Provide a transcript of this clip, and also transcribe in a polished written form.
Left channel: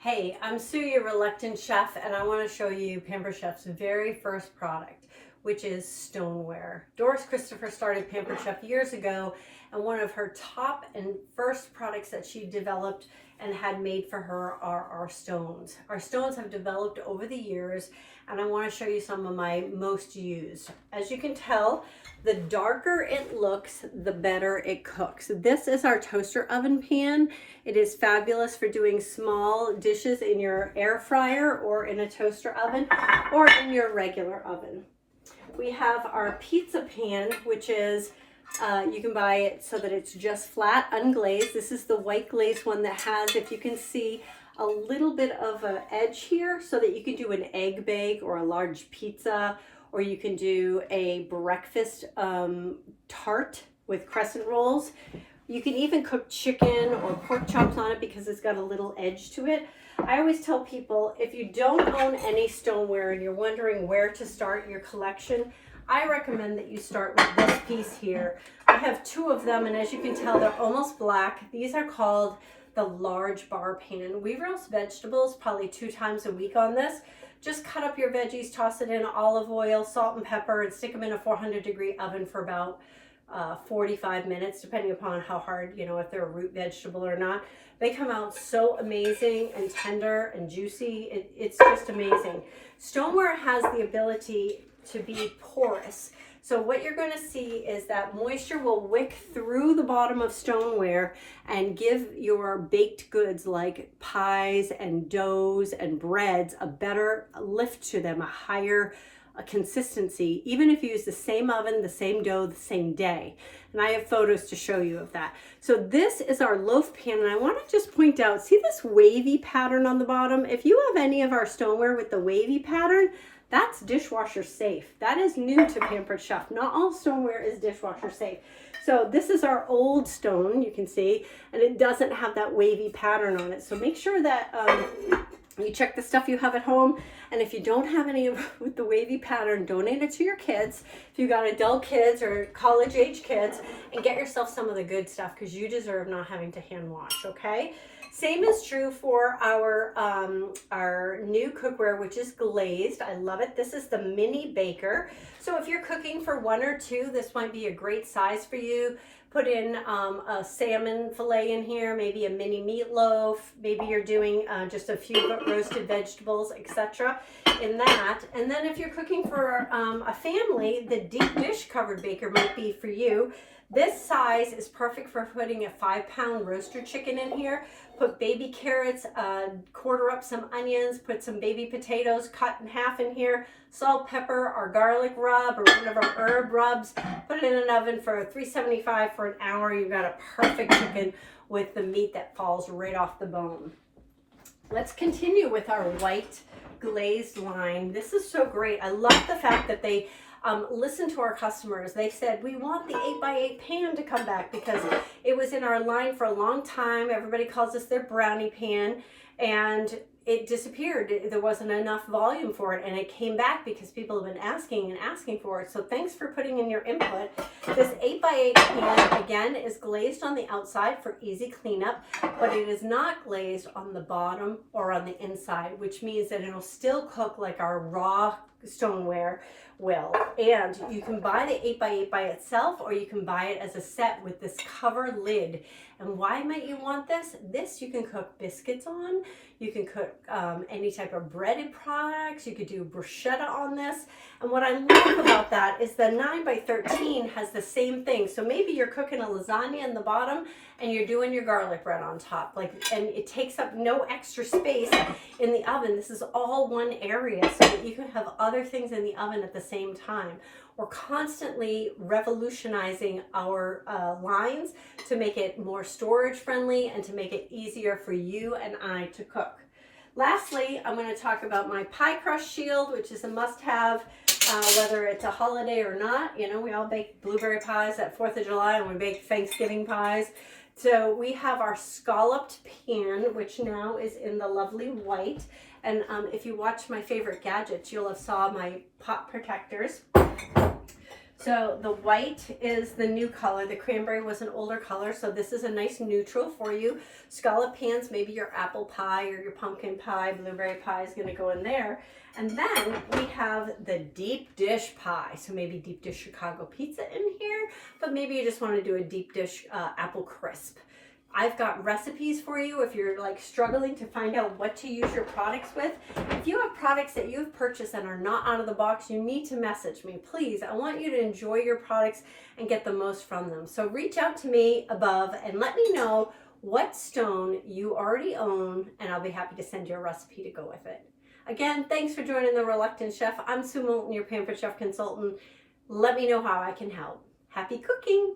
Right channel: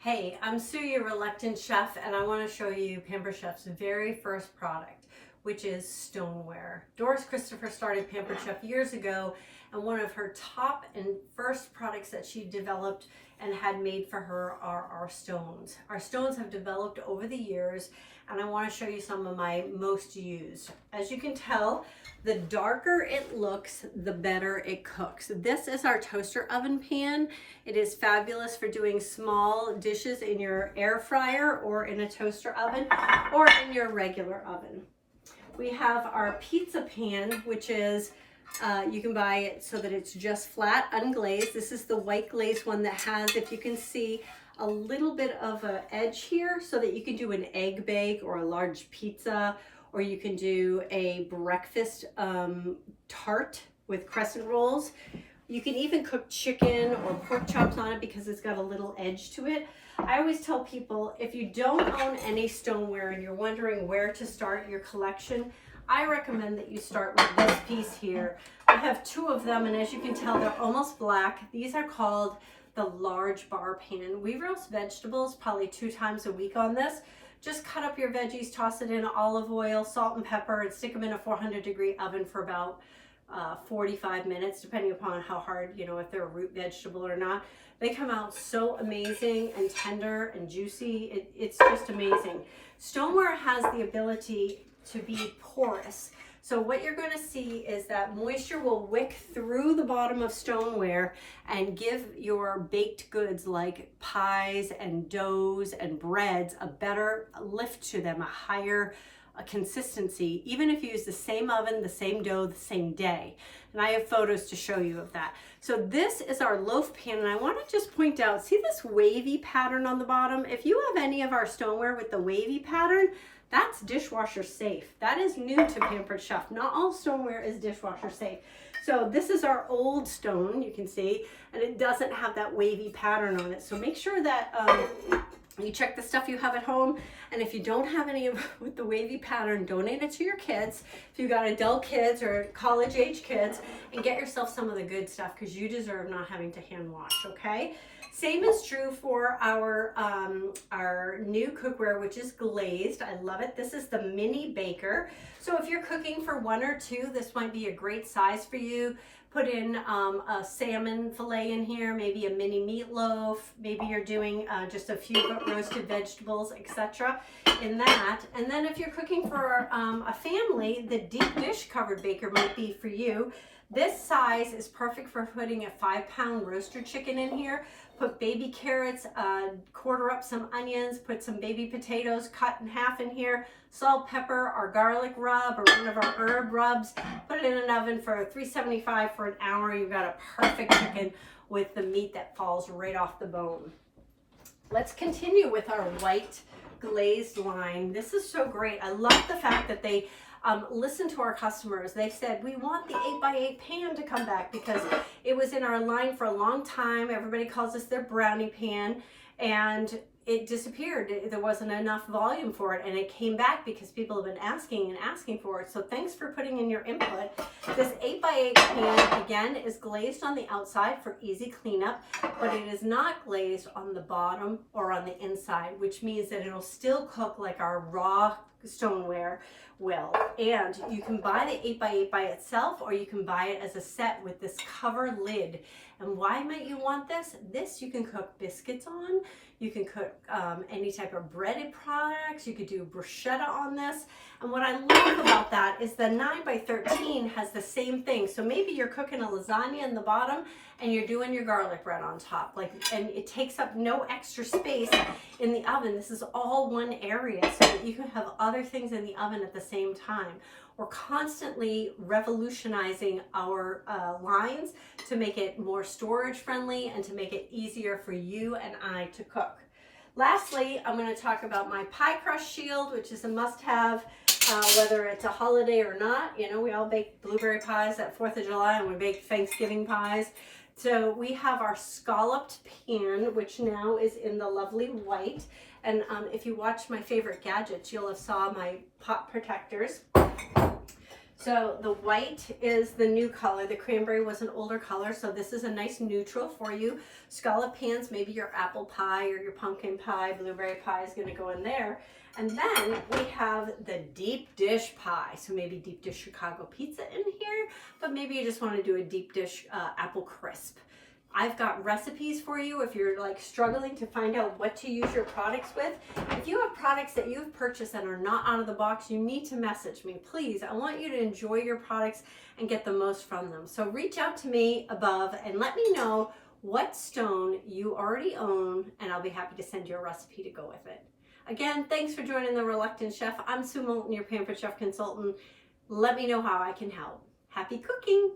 Hey, I'm Sue, your reluctant chef, and I want to show you Pampered Chef's very first product, which is Stoneware. Doris Christopher started Pampered Chef years ago, and one of her top and first products that she developed and had made for her are our stones. Our stones have developed over the years, and I want to show you some of my most used. As you can tell, the darker it looks, the better it cooks. This is our toaster oven pan. It is fabulous for doing small dishes in your air fryer or in a toaster oven or in your regular oven. We have our pizza pan, which is, you can buy it so that it's just flat, unglazed. This is the white glazed one that has, if you can see, a little bit of an edge here so that you can do an egg bake or a large pizza, or you can do a breakfast tart with crescent rolls. You can even cook chicken or pork chops on it because it's got a little edge to it. I always tell people, if you don't own any stoneware and you're wondering where to start your collection, I recommend that you start with this piece here. I have two of them, and as you can tell, they're almost black. These are called the large bar pan. We roast vegetables probably 2 times a week on this. Just cut up your veggies, toss it in olive oil, salt and pepper, and stick them in a 400-degree oven for about 45 minutes, depending upon how hard, if they're a root vegetable or not. They come out so amazing and tender and juicy. It's just amazing. Stoneware has the ability to be porous. So what you're going to see is that moisture will wick through the bottom of stoneware and give your baked goods like pies and doughs and breads a better lift to them, a higher consistency, even if you use the same oven, the same dough, the same day. And I have photos to show you of that. So this is our loaf pan, and I want to just point out, see this wavy pattern on the bottom? If you have any of our stoneware with the wavy pattern, that's dishwasher safe. That is new to Pampered Chef. Not all stoneware is dishwasher safe. So this is our old stone, you can see, and it doesn't have that wavy pattern on it. So make sure that you check the stuff you have at home, and if you don't have any with the wavy pattern, donate it to your kids. If you got adult kids or college age kids, and get yourself some of the good stuff because you deserve not having to hand wash, okay? Same is true for our new cookware, which is glazed. I love it. This is the mini baker. So if you're cooking for 1 or 2, this might be a great size for you. Put in a salmon fillet in here, maybe a mini meatloaf, maybe you're doing just a few roasted vegetables, etc. in that. And then if you're cooking for a family, the deep dish covered baker might be for you. This size is perfect for putting a 5-pound roaster chicken in here. Put baby carrots, quarter up some onions, put some baby potatoes cut in half in here, salt, pepper, our garlic rub, or one of our herb rubs. Put it in an oven for 375 for an hour. You've got a perfect chicken with the meat that falls right off the bone. Let's continue with our white glazed line. This is so great. I love the fact that they listen to our customers. They said, we want the 8x8 pan to come back because it was in our line for a long time. Everybody calls us their brownie pan, and it disappeared. There wasn't enough volume for it, and it came back because people have been asking and asking for it. So thanks for putting in your input. This 8x8 pan, again, is glazed on the outside for easy cleanup, but it is not glazed on the bottom or on the inside, which means that it'll still cook like our raw stoneware will. And you can buy the 8x8 by itself, or you can buy it as a set with this cover lid. And why might you want this? This you can cook biscuits on. You can cook any type of breaded products. You could do bruschetta on this. And what I love about that is the 9x13 has the same thing. So maybe you're cooking a lasagna in the bottom and you're doing your garlic bread on top. And it takes up no extra space in the oven. This is all one area so that you can have other things in the oven at the same time. We're constantly revolutionizing our lines to make it more storage friendly and to make it easier for you and I to cook. Lastly, I'm going to talk about my pie crust shield, which is a must-have, whether it's a holiday or not. We all bake blueberry pies at 4th of July, and we bake Thanksgiving pies. So we have our scalloped pan, which now is in the lovely white. And if you watch my favorite gadgets, you'll have saw my pot protectors. So the white is the new color. The cranberry was an older color, so this is a nice neutral for you. Scallop pans, maybe your apple pie or your pumpkin pie, blueberry pie is going to go in there. And then we have the deep dish pie. So maybe deep dish Chicago pizza in here, but maybe you just want to do a deep dish apple crisp. I've got recipes for you if you're like struggling to find out what to use your products with. If you have products that you've purchased and are not out of the box, you need to message me. Please, I want you to enjoy your products and get the most from them. So reach out to me above and let me know what stone you already own, and I'll be happy to send you a recipe to go with it. Again, thanks for joining The Reluctant Chef. I'm Sue Moulton, your Pampered Chef Consultant. Let me know how I can help. Happy cooking!